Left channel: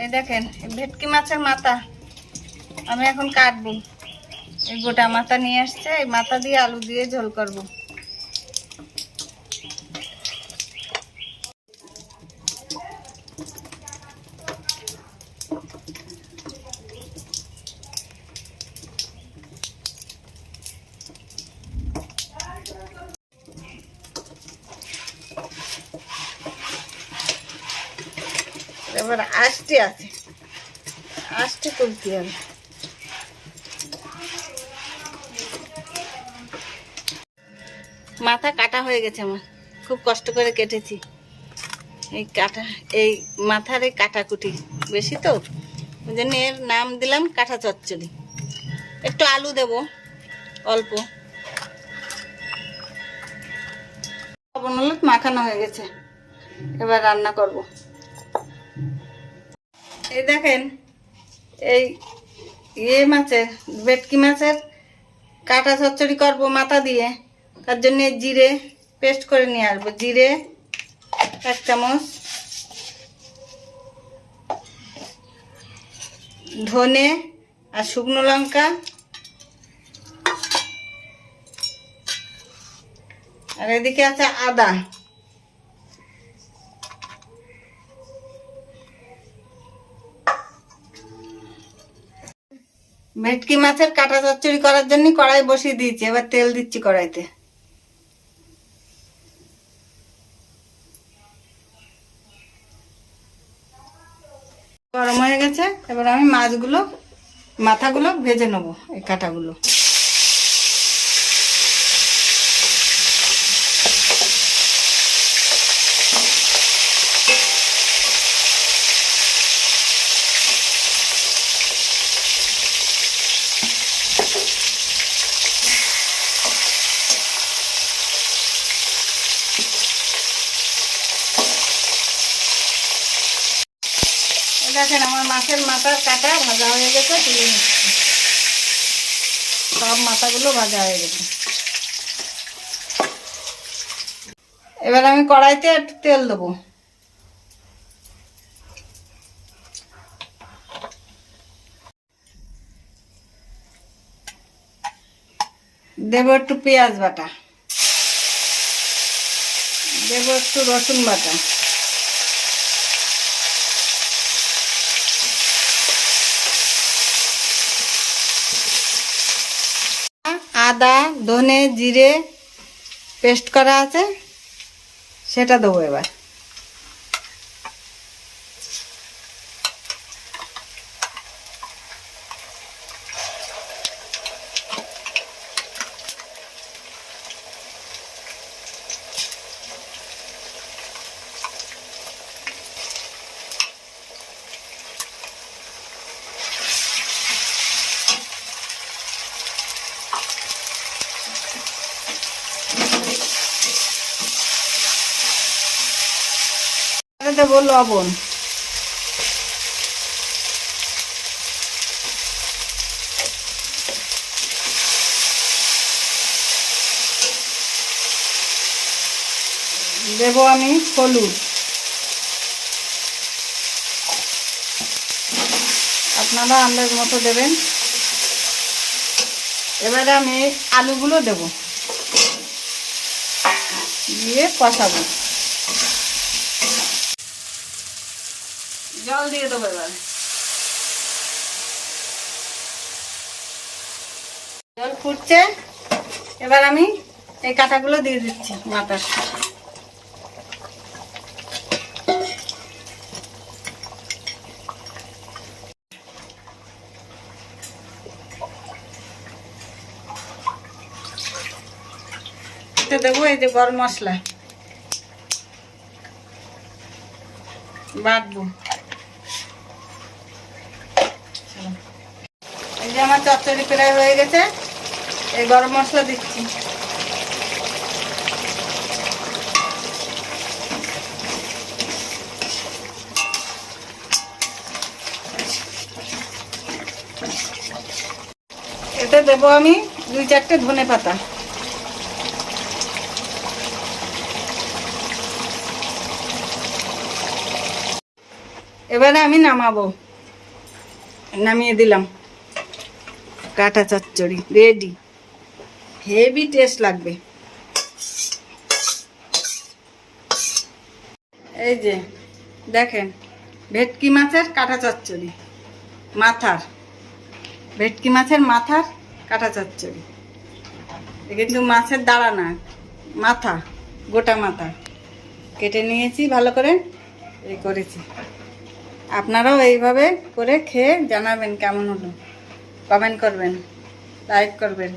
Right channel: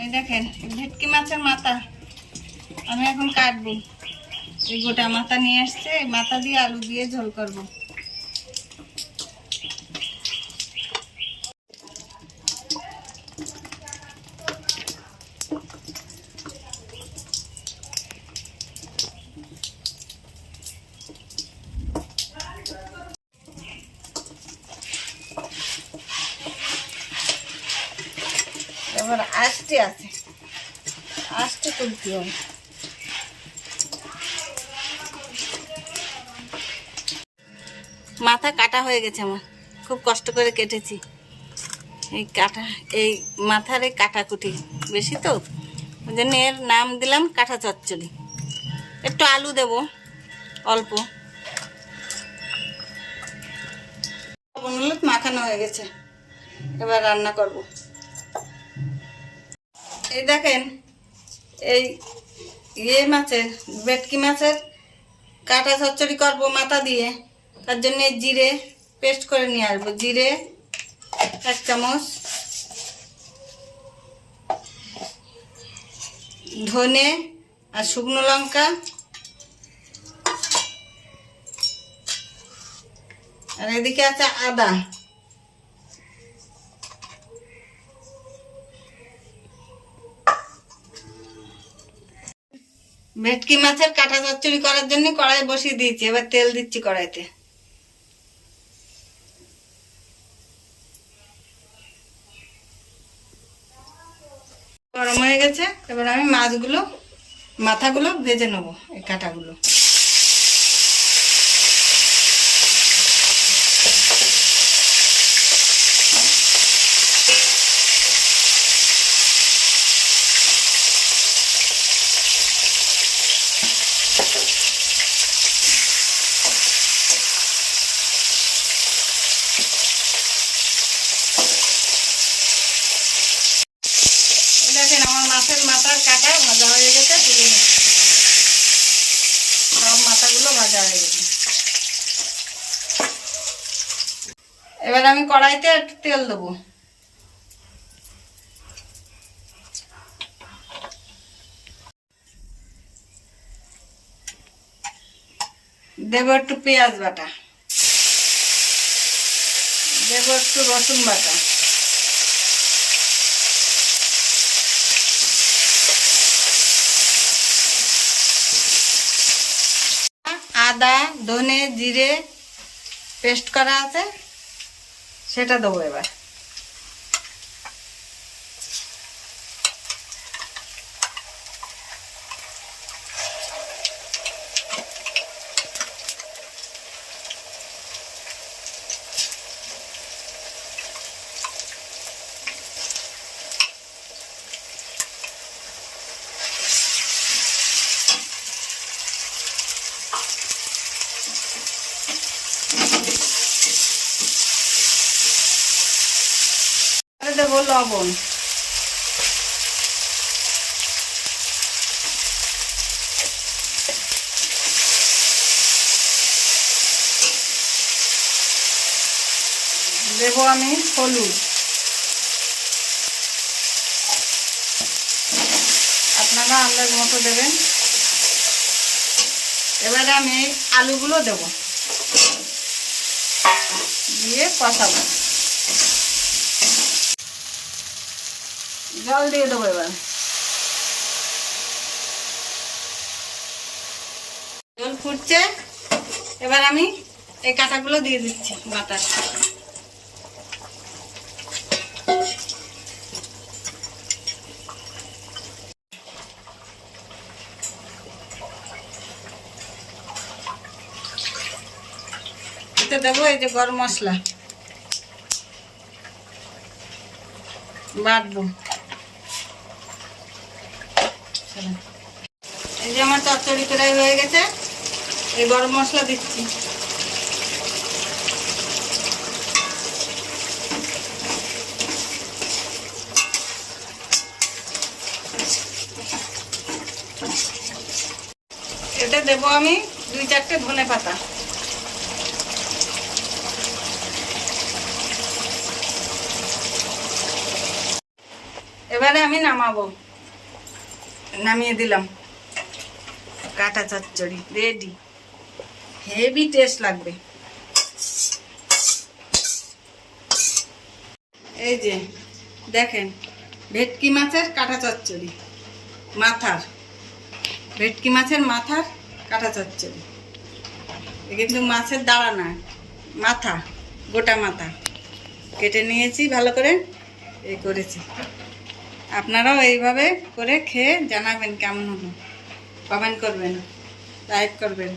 এই দেখেন ভেটকি মাছের মাথা আমি এখন কাটবো। এই গোটা মাথা নিয়ে আসছে, এই মাথা দিয়ে আলু দিয়ে ঝোল করব। এবার আস্তে আছে, আস্তে তুলতে হবে। মাথা কাটা হয়ে গেছে আমার, খুব কষ্ট করে কেটেছি। এই মাথার এই কাটাকুটি বেশি তো, ওই জন্য এর নাম দিলাম কাঁটা চচ্চড়ি। একটু আলু দেব অল্প, লবণ হলুদ মাখানো হয়ে গেছে, এবার রান্না করব। এই দেখেন এই মাছের ভেটকি মাছের কাঁটা চচ্চড়ি করব মাথা দিয়ে। তার জন্য জিরে পেস্ট করে নিয়ে আসবো। জিরে 1 চামচ, ধনে আর শুকনো লঙ্কা, আর এদিকে আছে আদা। ভেটকি মাছের কাঁটা চচ্চড়ি করার জন্য কড়াই বসিয়ে দিয়েছি, এবার তেল দিচ্ছি কড়াইতে। গরম হয়ে গেছে, এবার আমি মাথাগুলো ভেজে নেবো, এই কাঁটাগুলো। দেখেন আমার মাছের মাথার কাটা ভাজা হয়ে গেছে, তুলে নিচ্ছি। সব মাথাগুলো ভাজা হয়ে গেছে। এবার আমি কড়াইতে একটু তেল দেবো। দেবো একটু পেঁয়াজ বাটা, দেবো একটু রসুন বাটা, আদা ধনে জিরে পেস্ট করা আছে সেটা দেবো এবার। দেবো লবণ, দেবো আমি হলুদ, আপনারা আন্দাজ মতো দেবেন। এবারে আমি আলুগুলো দেব, দিয়ে কষাবো। জল দিয়ে দেবো এবার। জল ফুটছে, এবার আমি এই কাঁটাগুলো দিয়ে দিচ্ছি মাথার। এতে দেবো এই যে গরম মশলা বাটবো। এই যে আমার চচ্চড়ি প্রায় হয়ে গেছে, এই গরম মশলা দিচ্ছি। এতে দেবো আমি 2-4টে ধনে পাতা। এবারে আমি নামাবো, নামিয়ে দিলাম। কাঁটা চচ্চড়ি রেডি, হেভি টেস্ট লাগবে। এই যে দেখেন, ভেটকি মাছের কাঁটা চচ্চড়ি, মাথার, ভেটকি মাছের মাথার কাঁটা চচ্চড়ি। কিন্তু মাছের দাঁড়া না, মাথা, গোটা মাথা কেটে নিয়েছি ভালো করে, এই করেছি। আপনারাও এইভাবে করে খেয়ে জানাবেন কেমন হলো, কমেন্ট করবেন, লাইক করবেন।